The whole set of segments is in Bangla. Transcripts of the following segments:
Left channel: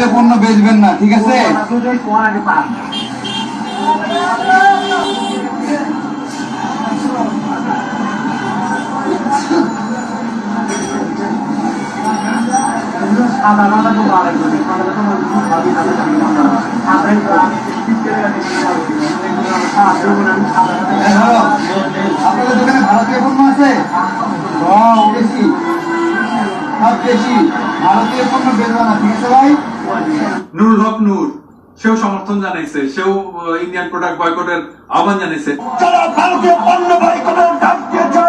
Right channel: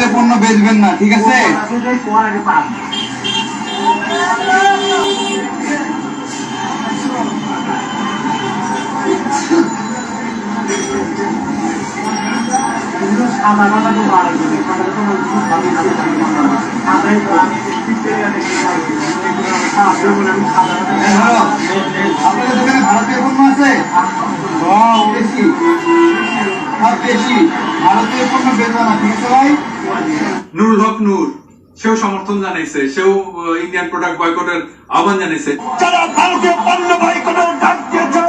ভারতীয় পণ্য বেচবেন না, ঠিক আছে? আপনাদের দোকানে ভারতীয় পণ্য আছে? বেশি ভারতীয় পণ্য বেচবেন না, ঠিক আছে ভাই? নুরুল হক নূর সেও সমর্থন জানাইছে, সেও ইন্ডিয়ান প্রোডাক্ট বয়কটের আহ্বান জানাইছে। যারা ভারতীয় পণ্য বয়কটের ডাক দিয়েছে,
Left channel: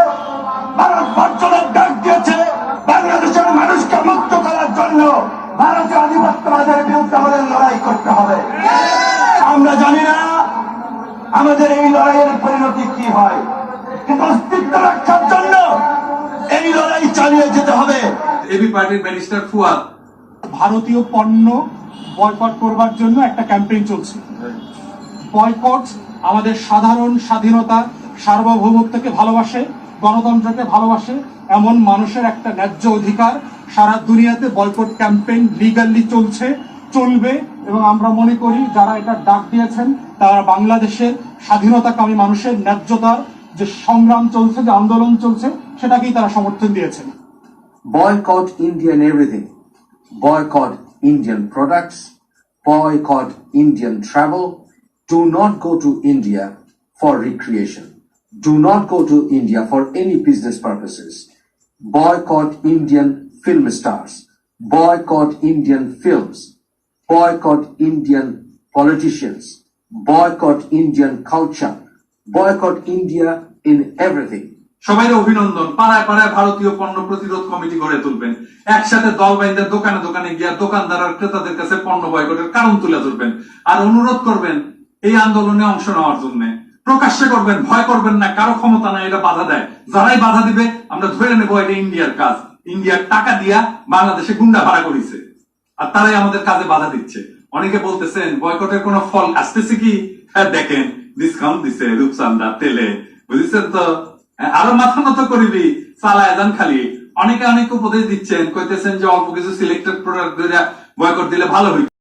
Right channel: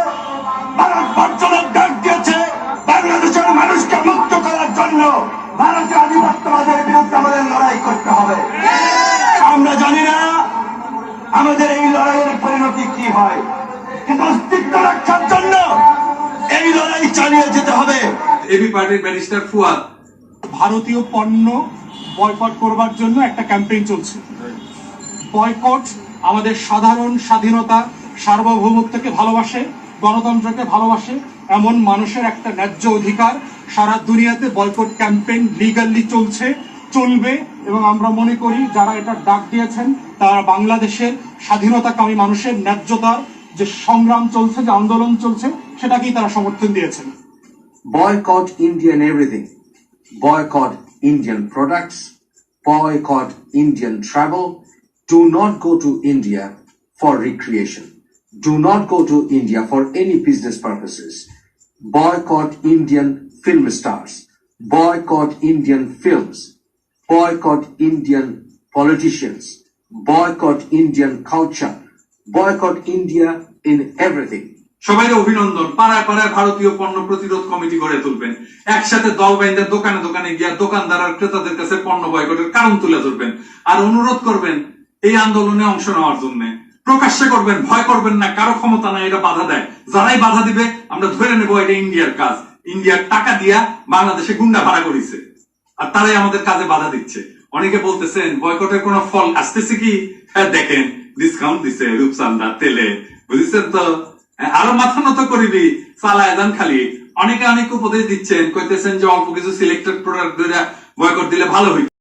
ভারত বর্জনের ডাক দিয়েছে, বাংলাদেশের মানুষকে মুক্ত করার জন্য ভারতের আধিপত্যবাদের বিরুদ্ধে আমাদের লড়াই করতে হবে। আমরা জানি না আমাদের এই লড়াইয়ের পরিণতি কি হয়, কিন্তু অস্তিত্ব রক্ষার জন্য এই লড়াই চালিয়ে যেতে হবে। এবি পার্টির ব্যারিস্টার ফুয়াদ ভারতীয় পণ্য বয়কট করবার জন্য একটা ক্যাম্পেইন চলছে। বয়কট আমাদের সাধারণ স্বাধীনতা, সার্বভৌমত্বকে ভালোবাসে, গণতন্ত্রকে ভালোবাসে এমন মানুষের একটা ন্যায্য অধিকার। সারা দুনিয়াতে বয়কট ক্যাম্পেইন লিগালি চলছে, চলবে, এবং আমরা মনে করি যারা এটা ডাক দিয়েছেন তারা বাংলাদেশের স্বাধীনতাকামী মানুষের ন্যায্যতার যে সংগ্রাম চলছে, যে আন্দোলন চলছে, সেটাকেই তারা সমর্থন দিয়েছেন। Boycott Indian everything. Boycott Indian products. Boycott Indian travel. Do not go to India for recreation. Do not go to India for any business purposes. Boycott Indian film stars. Boycott Indian films. Boycott Indian politicians. Boycott Indian culture. Boycott India in everything. সবাই অভিনন্দন। পাড়ায় পাড়ায় ভারতীয় পণ্য প্রতিরোধ কমিটি গড়ে তুলবেন, একসাথে দল বাইন্দা দোকানে দোকানে গিয়া দোকানদার আর ক্রেতাদের কাছে পণ্য বয়কটের কারণ তুলে ধরবেন আর অনুরোধ করবেন এই আন্দোলনে অংশ নেওয়ার জন্য। প্রকাশ্যে করবেন, ভয় করবেন না, কারো ক্ষমতা নাই এটা বাধা দেয়। যারাই বাধা দিবে আমরা ধরে নেবো এটা ইন্ডিয়ার কাজ। ইন্ডিয়ার টাকা দিয়া বাংলাদেশে গুন্ডা ভাড়া করেছে আর তারাই আমাদের কাজে বাধা দিচ্ছে। অনেকে বলতেছেন বয়কটের কোনো ফল আসতেছে কি? হ্যাঁ দেখেন, ডিসকাউন্ট দিছে রূপচান্দা তেলে, বুঝেছেন তো? আরো মাথা নত করিবি, চালায় যান খালি। অনেকে অনেক উপদেশ দিচ্ছেন, কইতেছেন যে অল্প কিছু সিলেক্টেড প্রোডাক্ট বয়কট দিলে ভালো হইত।